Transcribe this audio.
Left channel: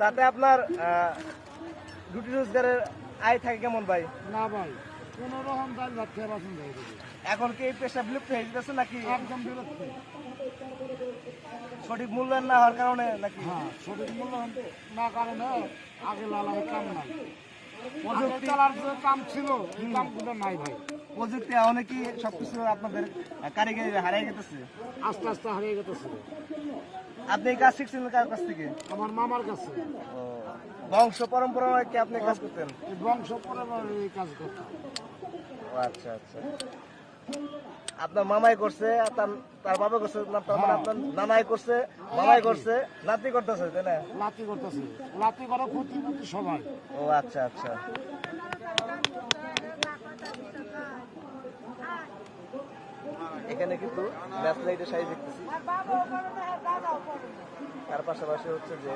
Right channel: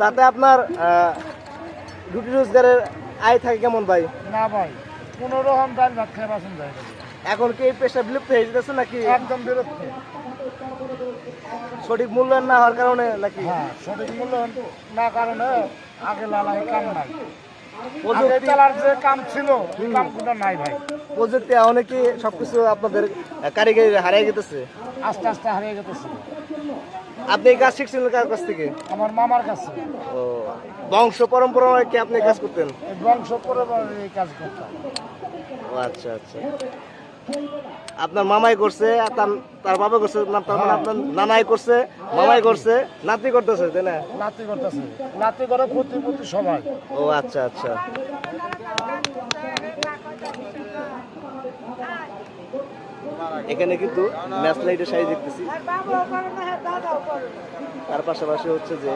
তাতে আপনার রুটি রোজগারের আয় থাকে কেমন ভাই? না ভাই, কোনো রকম ডাল ভাত খেয়ে বাঁচুন যায় না। এখন কি এই পেশা বিলুপ্ত হয়ে যেতেছে নাকি একদম বিরক্ত। সঠিক মূল্যায়ন না হওয়ার কারণে নাকি? হ্যাঁ, সঠিক মূল্য না কারণে আগে লালাই কাম নাই। আগে প্রযুক্তি চালার যে কাম ছিল এই কামগুলো নাই ভাই, প্রযুক্তি অনেকই সবকিছু আপনাদের কারিগরি হারিয়ে গেতেছে। আস্তে আস্তে হারিয়ে গেছে। আপনি এই কাজ শিখছিলেন কার কাছ থেকে? আমার মামার কাছে ও, বংশ পরম্পরা কি আপনি এই কাজ করতেন? এই বংশ পরে এই কাজ করতাম। ও আচ্ছা আচ্ছা, আপনার মামাই করছে আর তার বাবা করছে না, তার মানে আপনার নানাই করছে, মামাই করছে, নাতি করতেছে, তাই না? লাতি করতেছে, লাতি করে প্রতি সবাই। ও আচ্ছা আচ্ছা, এখানে কিন্তু ম্যাচ লাইটের সাইজ দেখতেছি, তার পাশাপাশি হচ্ছে যে